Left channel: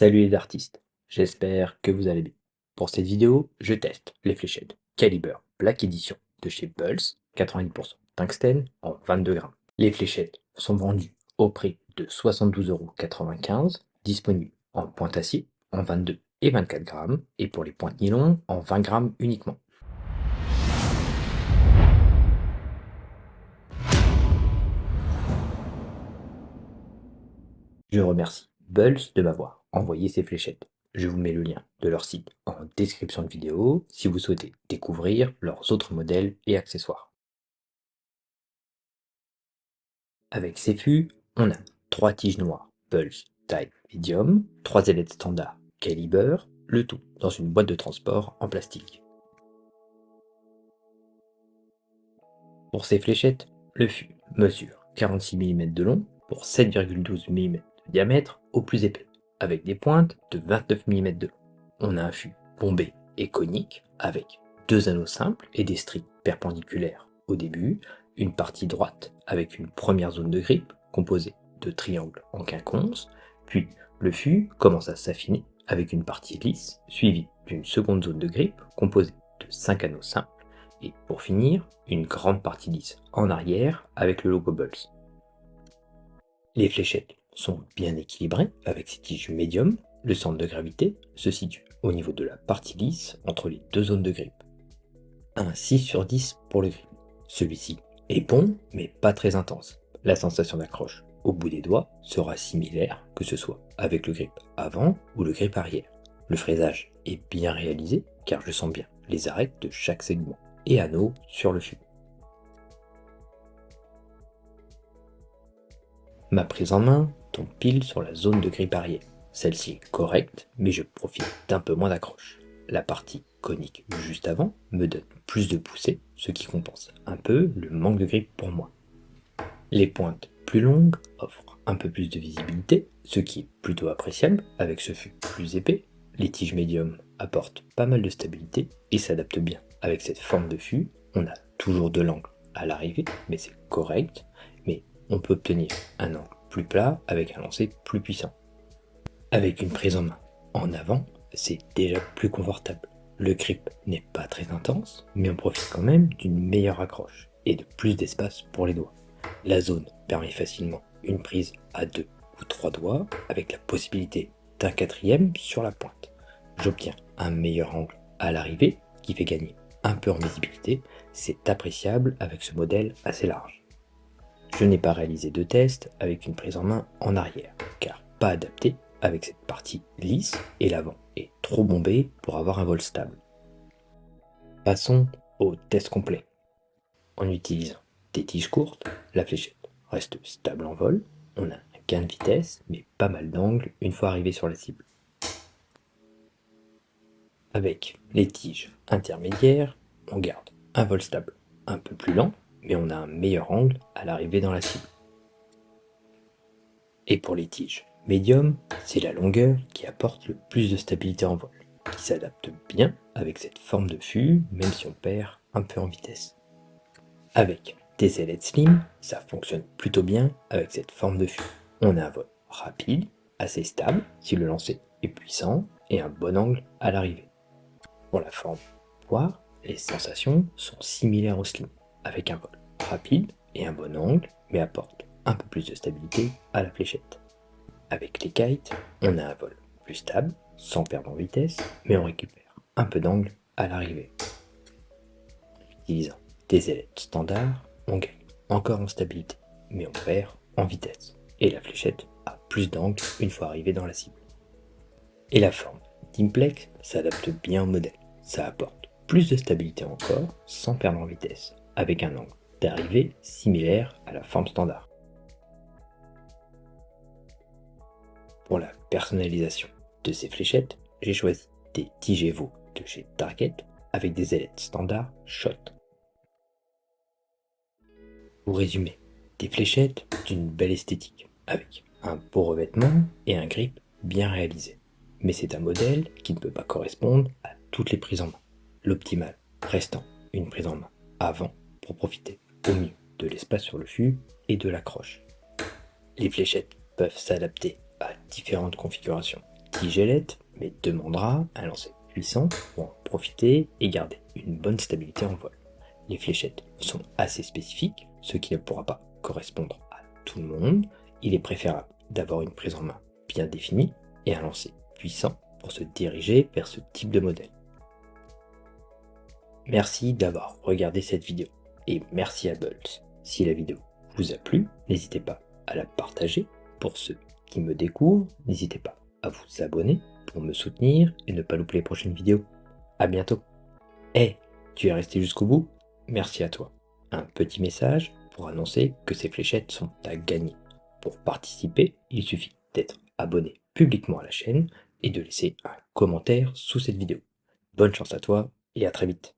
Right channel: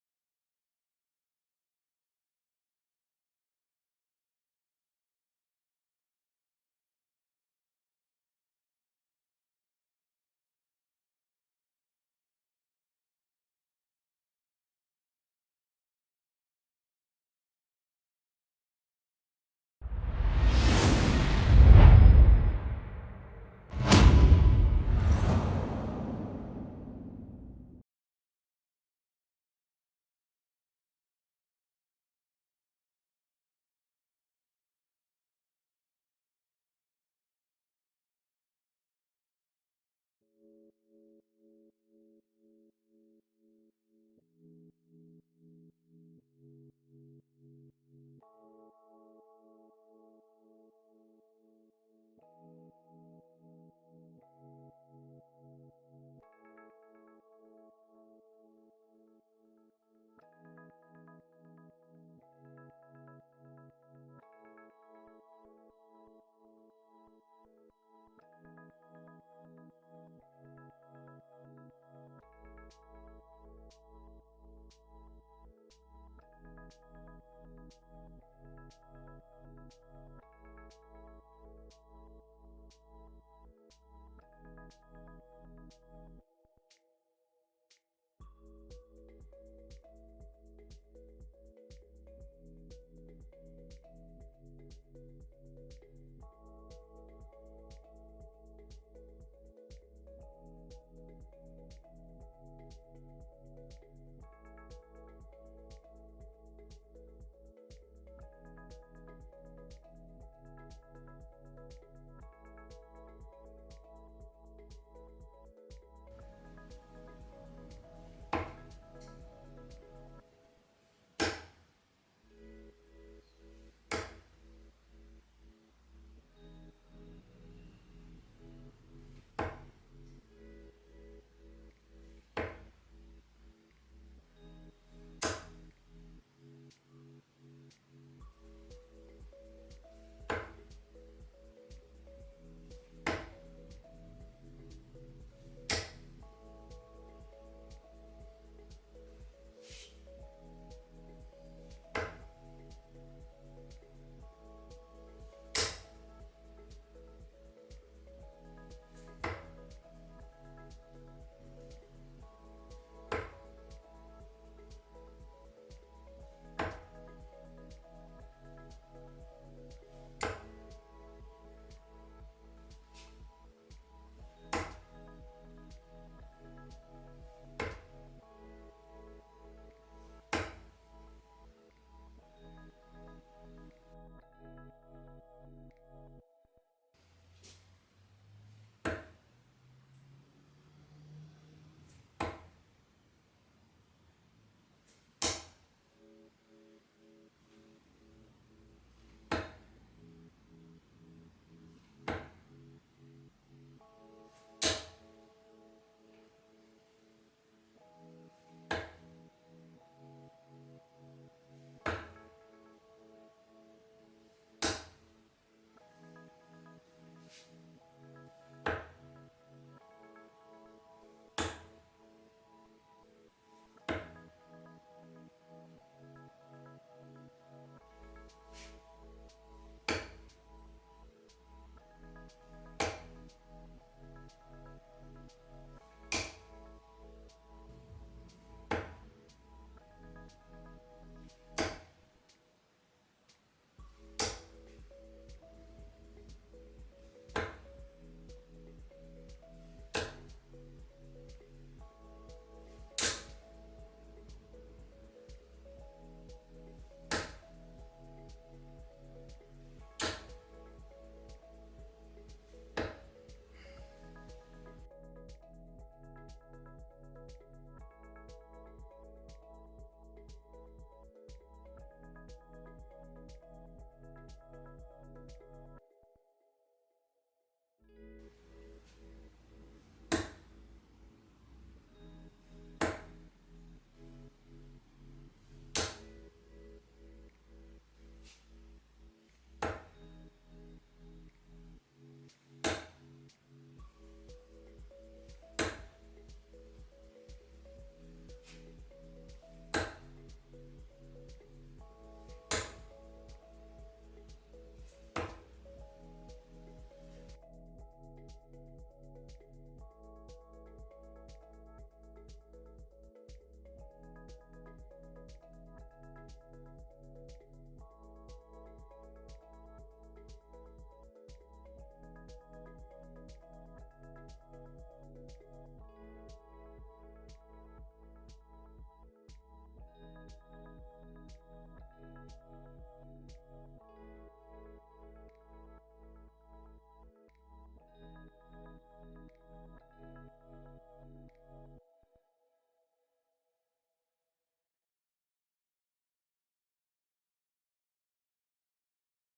Salut les artistes, j'espère que vous allez bien. Pour cette vidéo, je teste les fléchettes Caliber Black Edition de chez Pulse, 90% tungstène en 22 grammes. Les fléchettes sont vendues au prix de 72,95 €, disponibles en pointe acier en 22 et 24 grammes et pour les pointes nylon en 20 grammes uniquement. Je remercie Bulls de m'avoir envoyé ces fléchettes. Je vous mets le lien de leur site en description de vidéo si vous souhaitez découvrir leurs autres modèles et accessoires. Avec ces fûts, on a 3 tiges noires Pulse taille médium, 3 ailettes standard Caliber, le tout dans une boîte de transport en plastique. Pour ces fléchettes, le fût mesure 46 mm de long pour 7,12 mm de diamètre au plus épais, avec des pointes de 29 mm de long. On a un fût bombé et conique avec deux anneaux simples et des stries perpendiculaires au début, une partie droite avec une première zone de grippe composée de triangles en quinconce, puis le fût commence à s'affiner avec une partie lisse suivie d'une seconde zone de grippe composée de 5 anneaux simples et pour finir, une grande partie lisse en arrière avec le logo Bulls. Les fléchettes sont bien équilibrées avec ces tiges médium. Le centre de gravité se situe au niveau de la partie lisse entre les deux zones de grippe. Un 6 sur 10 pour le grip. Celui-ci est bon mais pas très intense. La sensation d'accroche au bout des doigts sera similaire que ce soit avec le grip avant ou le grip arrière. Le fraisage est bien réalisé car je sens bien les arêtes de chaque segment et anneaux sur le fût. Ma prise en main tombe pile sur la zone de grip arrière. Celle-ci est correcte, mais je profite d'un peu moins d'accroche. La partie conique juste avant me donne plus de poussée, ce qui compense un peu le manque de grip pour moi. Les pointes plus longues offrent un peu plus de visibilité, ce qui est plutôt appréciable avec ce fût plus épais. Les tiges médium apportent pas mal de stabilité et s'adaptent bien avec cette forme de fût. On a toujours de l'angle à l'arrivée, mais c'est correct. Mais on peut obtenir un angle plus plat avec un lancer plus puissant. Avec une prise en main en avant, c'est déjà plus confortable. Le grip n'est pas très intense, mais on profite quand même d'une meilleure accroche et de plus d'espace pour les doigts. La zone permet facilement une prise à 2 ou 3 doigts avec la possibilité d'un quatrième sur la pointe. J'obtiens un meilleur angle à l'arrivée qui fait gagner un peu en visibilité. C'est appréciable avec ce modèle assez large. Je n'ai pas réalisé de test avec une prise en main en arrière, car pas adapté avec cette partie lisse et l'avant est trop bombé pour avoir un vol stable. Passons au test complet. En utilisant des tiges courtes, la fléchette reste stable en vol, on a un gain de vitesse mais pas mal d'angle une fois arrivé sur la cible. Avec les tiges intermédiaires, on garde un vol stable un peu plus lent, mais on a un meilleur angle à l'arrivée dans la cible. Et pour les tiges médium, c'est la longueur qui apporte le plus de stabilité en vol, qui s'adapte bien avec cette forme de fût, même si on perd un peu en vitesse. Avec des ailettes slim, ça fonctionne plutôt bien avec cette forme de fût. On a un vol rapide, assez stable si le lancer est puissant et un bon angle à l'arrivée. Pour la forme poire, les sensations sont similaires au slim, avec un vol rapide et un bon angle, mais apporte un peu plus de stabilité à la fléchette. Avec les kites, on a un vol plus stable, sans perdre en vitesse, mais on récupère un peu d'angle à l'arrivée. En utilisant des ailettes standards, on gagne encore en stabilité, mais on perd en vitesse. Et la fléchette a plus d'angle une fois arrivée dans la cible. Et la forme Teamplex s'adapte bien au modèle. Ça apporte plus de stabilité encore, sans perdre en vitesse, avec un angle d'arrivée similaire à la forme standard. Pour la personnalisation de ces fléchettes, j'ai choisi des tiges Evo de chez Target avec des ailettes standard Shot. Pour résumer, des fléchettes d'une belle esthétique, avec un beau revêtement et un grip bien réalisé. Mais c'est un modèle qui ne peut pas correspondre à toutes les prises en main. L'optimal restant une prise en main avant pour profiter au mieux de l'espace sur le fût et de l'accroche. Les fléchettes peuvent s'adapter à différentes configurations, Tigellette, mais demandera un lancer puissant pour en profiter et garder une bonne stabilité en vol. Les fléchettes sont assez spécifiques, ce qui ne pourra pas correspondre à tout le monde. Il est préférable d'avoir une prise en main bien définie et un lancer puissant pour se diriger vers ce type de modèle. Merci d'avoir regardé cette vidéo et merci à Bulls. Si la vidéo vous a plu, n'hésitez pas à la partager. Pour ceux qui me découvrent, n'hésitez pas à vous abonner pour me soutenir et ne pas louper les prochaines vidéos. A bientôt. Hey, tu es resté jusqu'au bout? Merci à toi. Un petit message pour annoncer que ces fléchettes sont à gagner. Pour participer, il suffit d'être abonné publiquement à la chaîne et de laisser un commentaire sous cette vidéo. Bonne chance à toi et à très vite.